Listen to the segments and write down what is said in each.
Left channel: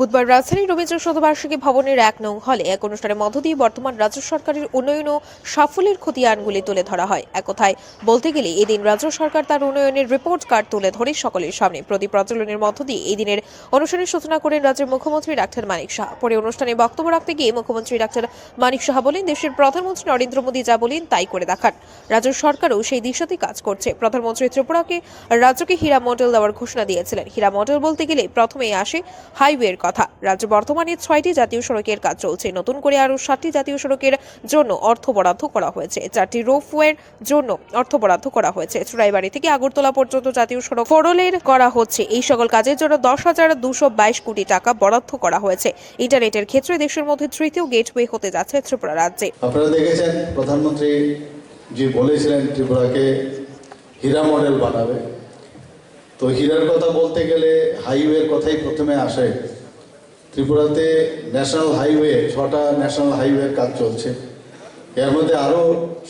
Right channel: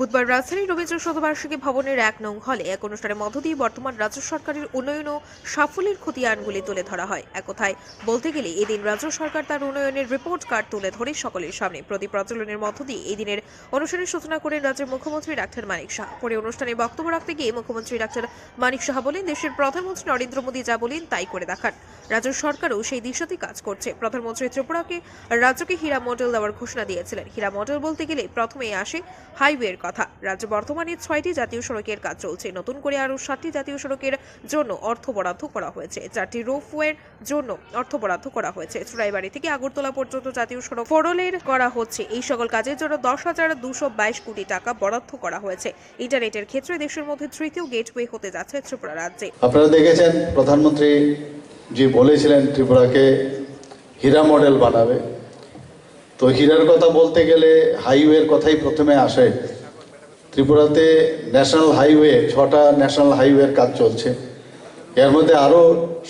বুধবার রাজধানীর রবীন্দ্র শতবার্ষিকী ভবনের ১ নং হলে এক অনুষ্ঠানের মধ্য দিয়ে বর্তমান রাজ্য সরকারের উন্নয়ন ও সাফল্যের খতিয়ানগুলি তুলে ধরা হয়। এক কথায় বলতে গেলে এদিন রাজ্য সরকার তার উন্নয়নের রিপোর্ট কার্ড তুলে ধরে সকলের সামনে প্রদীপ প্রজ্বলনের মধ্য দিয়ে এই দিনের অনুষ্ঠানের সূচনা করেন রাজ্যের মুখ্যমন্ত্রী ডাক্তার মানিক সাহা। পরে অনুষ্ঠানে বক্তব্য রাখতে গিয়ে মুখ্যমন্ত্রী ডাক্তার মানিক সাহা বলেন, দেশের প্রধানমন্ত্রী নরেন্দ্র মোদী যা বলেন তাই করে দেখান। রাজ্য সরকারও সেই দিশাতে কাজ করছে। প্রধানমন্ত্রী ত্রিপুরাকে রাজ্যকে হীরা মডেল দেওয়ার ঘোষণা দিয়েছিলেন। হীরা মডেল বলতে গেলে প্রথমে আসে হাইওয়ের কথা। রাজ্য বর্তমানে ৬টি জাতীয় সড়কের কাজ চলছে। নতুন করে আরো ৭টি জাতীয় সড়কের জন্য অর্থ বরাদ্দ করা হয়েছে। ৪টি রোপওয়ের জন্য অর্থ বরাদ্দ করা হয়েছে। চুড়াইবাড়ি থেকে আগরতলা পর্যন্ত জাতীয় সড়ক ফোরলের করা হচ্ছে। এই সকল কাজের জন্য ১০,২২২ কোটি টাকা বরাদ্দ করা হয়েছে। ইন্টারনেটের ক্ষেত্রে দেশের মধ্যে তৃতীয় গেটওয়ে হতে যাচ্ছে ত্রিপুরা রাজ্যে। আপনারা দেখেছেন প্রধানমন্ত্রী জি বলেছিলেন ত্রিপুরাকে হীরা মডেল বানাবে। তো হীরার কথা বলতে গেলে হাইওয়ের কথাই প্রথমে আসে। ত্রিপুরাতে ন্যাশনাল হাইওয়ে ৬টা ন্যাশনাল হাইওয়ের কাজ চলছে। এর মধ্যে আরও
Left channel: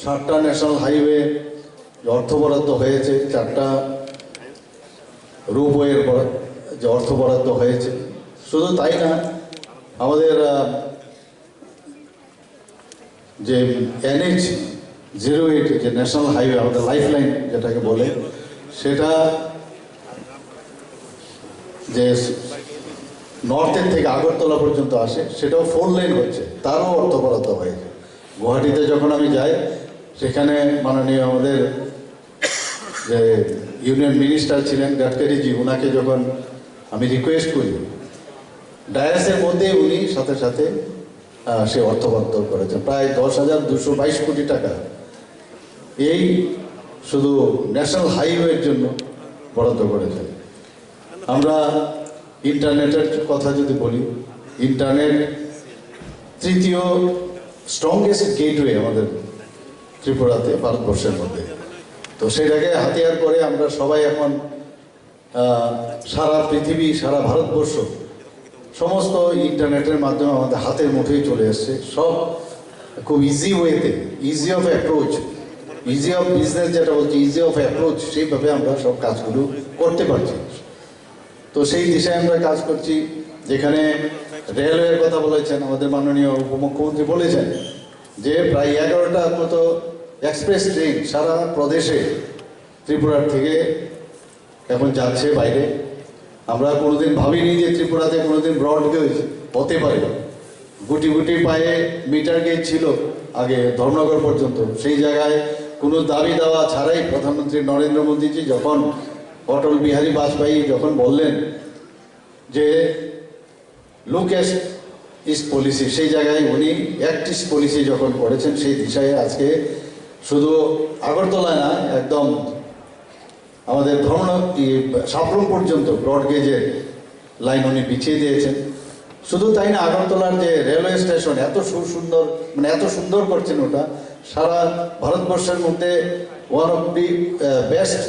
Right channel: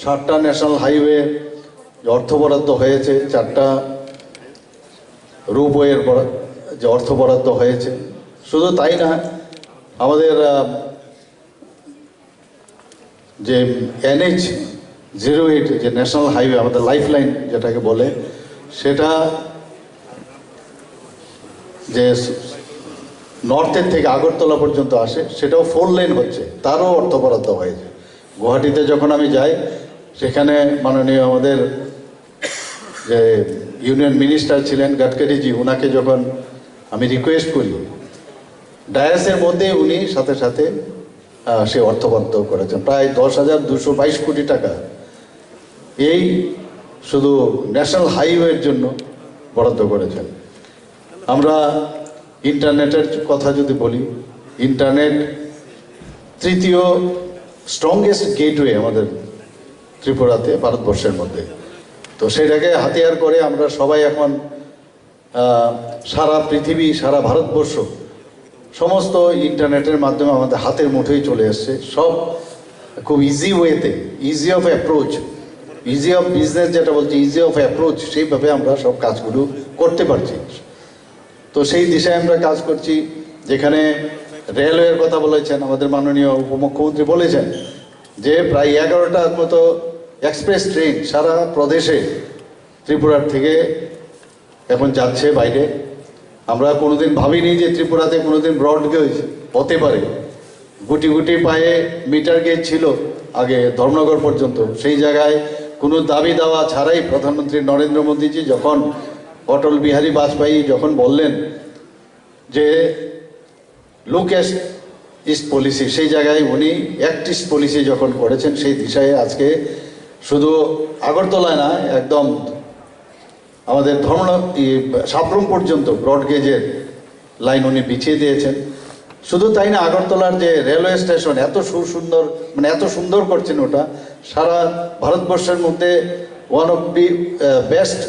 ৭টা ন্যাশনাল হাইওয়ে অর্থ বরাদ্দ হয়েছে, 4টা রোপওয়ের যে অর্থ বরাদ্দ হয়েছে। শুধু তাই না, আমাদের যে NH-08 যে ন্যাশনাল হাইওয়ে, আমাদের লাইফ লাইন যেটাকে বলে, সেটা যে নর্থের থেকে আগরতলা পর্যন্ত আসে, সেটাও 4 লেন হচ্ছে, তারও অর্থ বরাদ্দ হয়েছে। গুয়াহাটিতে যখন আমি যাই, সেখানে মাননীয় আমাদের যে ইউনিয়ন মিনিস্টার ছিলেন গডকারিজি, ওনাকে যখন আমি রিকোয়েস্ট করি, ডায়াসের মধ্যে উনি সাথে সাথে সে অর্থ বরাদ্দ করেছেন প্রায় ১০,২২২ কোটি টাকা। এই শুধু ন্যাশনাল হাইওয়ের জন্য বরাদ্দ করেছেন। আমরা ইন্টারনেটের কথা যদি বলি, ইন্টারনেট তৃতীয় স্ট্রংগেস্ট গেটওয়ে আমাদের ত্রিপুরাতে, ভারতবর্ষের মধ্যে। তো সেটাকে হাতিয়ার করে আমরা সবাই এখন সারা পৃথিবী, সারা ভারতবর্ষ সমস্ত ইন্টারনেটের মাধ্যমে আমাদের হাতের মুঠোয় চলে এসছে। সব খুব ইজি ওয়েতে, easy of approach, easy of business যেটা বলছি, ইজি অফ অ্যাপ্রোচ, সেইভাবে আমরা সব কাজগুলো করতে পারছি। তো সেই দিশায় আমরা কাজ করছি। যেখানে রেলওয়ের কথা বলেছেন আমাদের মাননীয় উপমুখ্যমন্ত্রী, বলেছেন যে প্রায় 11টার মতো এক্সপ্রেস ট্রেন সারা প্রদেশে ত্রিপুরার থেকে এখন যাচ্ছে বাইরে। আমরা কোনোদিন ভাবিনি যে ত্রিপুরাতে কোনোদিন ব্রড গেজ হতে পারে। গুটি গুটি পায়ে মিটার গেজ ছিল আগে ধর্মনগর পর্যন্ত। সেই জায়গায় কোনো দাবি দাওয়া ছাড়াই প্রধানমন্ত্রী নরেন্দ্র মোদীজি যখন, অটল বিহারী বাজপেয়ী যখন বললেন যে লুক ইস্ট পলিসি, সেই জায়গায় উনি অ্যাক্ট ইস্ট পলিসি যখন করেছেন, সেই দিশায় আজকে শুধু আগরতলায় না, একদম আমাদের সাবরুম পর্যন্ত ব্রডগেজের লাইন উনি বিছিয়ে দিয়েছেন। শুধু তাই না, আগরতলার যে রেলওয়ে স্টেশন এত সুন্দর, মানে এত সুন্দর করছেন, ওটা সারা ভারতবর্ষের মধ্যে one of the best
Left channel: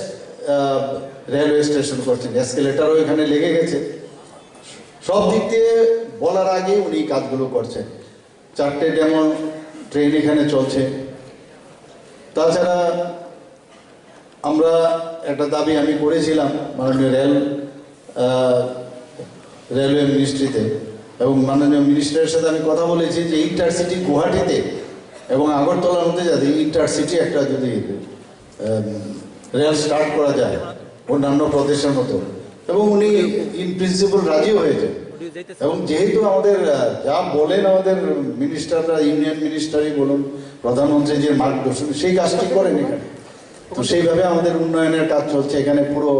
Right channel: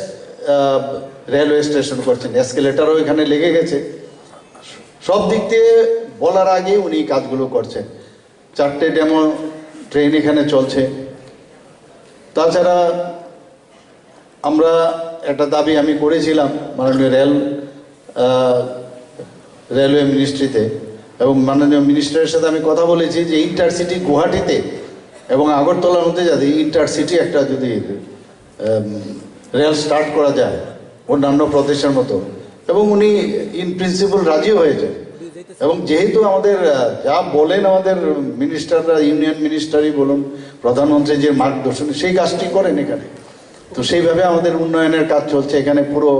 railway station করছেন। এসকেলেটারও এখানে লেগে গেছে। সব দিক দিয়ে বলার আগে উনি কাজগুলো করছেন। 4টে ডেমো ট্রেন এখানে চলছে। তাছাড়া আমরা একটা দাবি আমি করেছিলাম মাননীয় রেলওয়ে মিনিস্ট্রিতে, এবং মাননীয় মিনিস্টারের সাথে আমি কথা বলেছি যে ইন্টারসিটি গুয়াহাটিতে এবং আগরতলার মধ্যে যাতে ইন্টারসিটি একটা যদি রেল স্টার্ট করা যায় অন্যান্য প্রদেশের মতো, এবং উনি ইন প্রিন্সিপাল রাজিও হয়েছেন। এবং যেহেতু আমাদের যা বলেন আমাদের মিনিস্টাররা, ইউনিয়ন মিনিস্টারই বলুন, প্রধানমন্ত্রী যে মার্গদর্শন, সেই কাজটি করেন এখানে। তো সেইভাবে আমাদের উন্নয়নের কাজ চলছে। এখানে পুরো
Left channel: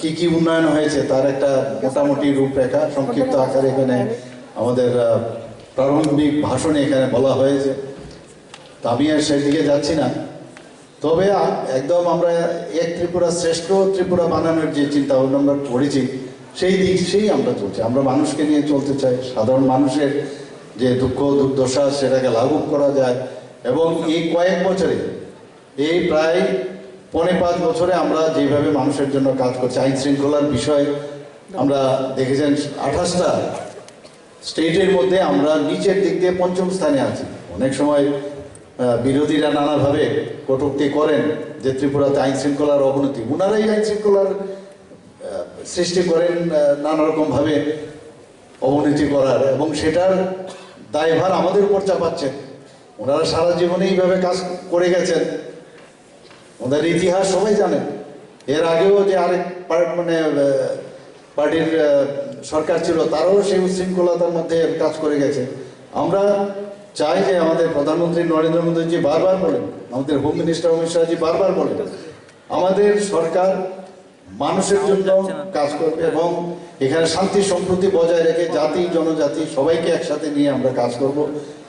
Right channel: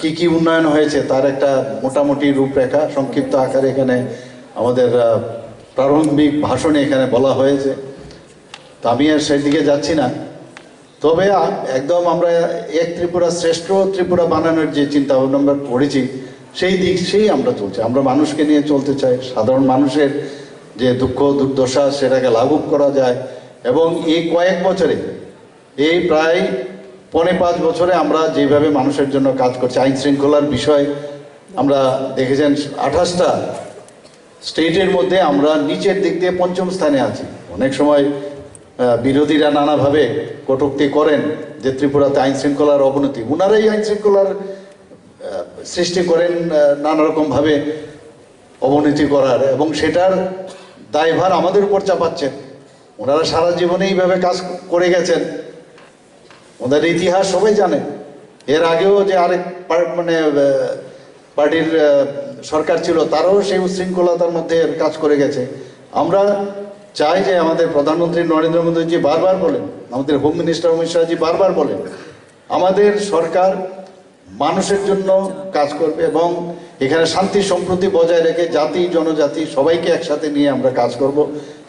কি কি উন্নয়ন হয়েছে তার একটা মোটামুটি রূপরেখা সংক্ষিপ্ত আকারে এখানে আমাদের প্রারম্ভিক ভাষণে এখানে বলা হয়েছে। তো আমি আর সেদিকে যাচ্ছি না। তবে একদম আমরা এক ত্রিপুরা শ্রেষ্ঠ ত্রিপুরা বানানোর যে চিন্তা ভাবনা আমরা করেছি, সেই আমরা চলছি। আমরা মানুষকে নিয়ে চলতে চাই। সাধারণ মানুষের যে দুঃখ দুর্দশা, সেটাকে লাঘব করা যায়। এবং এই কয়েক বছরে, এই প্রায় 4.5 বছরে আমরা যেভাবে মানুষের জন্য কাজ করছি, আইন শৃঙ্খলার বিষয় আমরা দেখেছেন 28টা স্টেটের মধ্যে আমরা নিচের দিক দিয়ে 5ম স্থানে আছি। অনেক সময় বিরোধীরা নানাভাবে কটূক্তি করেন যে ত্রিপুরাতে আইন শৃঙ্খলার অবনতি। ওনারাই আইন শৃঙ্খলার সৃষ্টি করেন নানা রকমভাবে অবনতি করার, এবং সেটার দায়ভার আমাদের উপর চাপাচ্ছেন। ওনারা সারা জীবনে এইভাবে কাজ করে গেছেন, ওদের ইতিহাস সবাই জানেন। এর আগেও যে আরেক পার্টির সরকার ছিল, তারাও সেই উশৃঙ্খলতার মধ্যে কাজ করে গেছে। আমরা চাই যে আমাদের প্রধানমন্ত্রী নরেন্দ্র মোদীজি বারবার বলেন, আমাদের হোম মিনিস্টার অমিত শাহজি বারবার বলেন, আমাদের সরকার মানুষের জন্য কাজ করবে এবং এখানে শান্তি সম্প্রীতি বজায় রেখে জাতি জনজাতি সবাইকে একসাথে নিয়ে আমরা কাজ করব,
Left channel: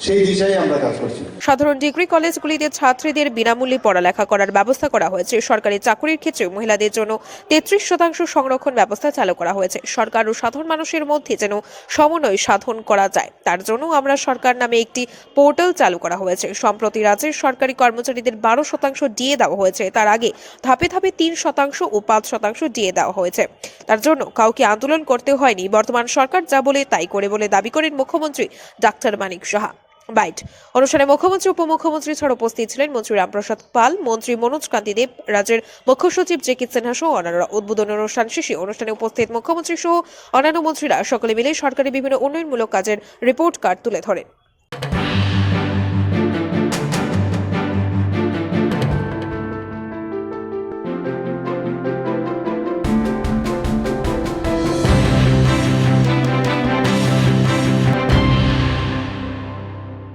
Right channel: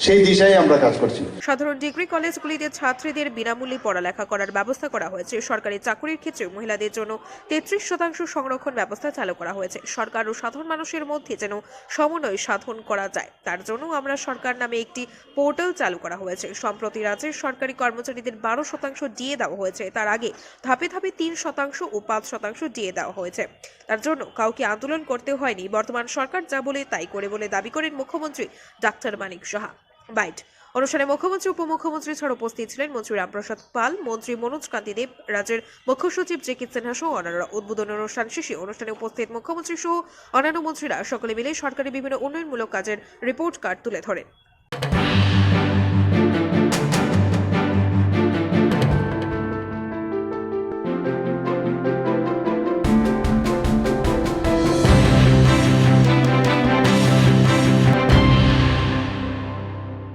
সেই দিশায় আমরা কাজ করছি। সাধারণ ডিগ্রি কলেজগুলিতে ছাত্রীদের বিনামূল্যে পড়ালেখা করার ব্যবস্থা করা হয়েছে। সরকারি চাকরির ক্ষেত্রে মহিলাদের জন্য 33% সংরক্ষণ ব্যবস্থা চালু করা হয়েছে। সরকার ও সাধারণ মানুষের মধ্যে যেন সমন্বয় সাধন করা যায়, তার জন্য আমরা সরকার নামে একটি পোর্টাল চালু করা হয়েছে। সম্প্রতি রাজ্যের সরকারি কর্মচারীদের 12% ডিএ দেওয়া হয়েছে, তার আগে ধাপে ধাপে 3% ও 5% ডিএ দেওয়া হয়েছে। তার জন্য কাউকে আন্দোলন করতে হয়নি। বর্তমান সরকার যা বলে তাই করে বলে দাবি করেন মুখ্যমন্ত্রী ডাক্তার মানিক সাহা। বাইট অনুষ্ঠানে মুখ্যমন্ত্রী উপমুখ্যমন্ত্রী ছাড়া উপস্থিত ছিলেন মন্ত্রী রামপ্রসাদ পাল, মন্ত্রী মনোজ কান্তি দেব, রাজ্যের মুখ্য সচিব জেকি সিনহা সহ অন্যান্যরা। উদ্বোধন অনুষ্ঠান শেষে অনুষ্ঠানে উপস্থিত মুখ্যমন্ত্রী সহ অন্যান্য মন্ত্রীরা সকলে মিলে সরকারি বিভিন্ন উন্নয়নমূলক কাজের রিপোর্ট কার্ড তুলে ধরেন।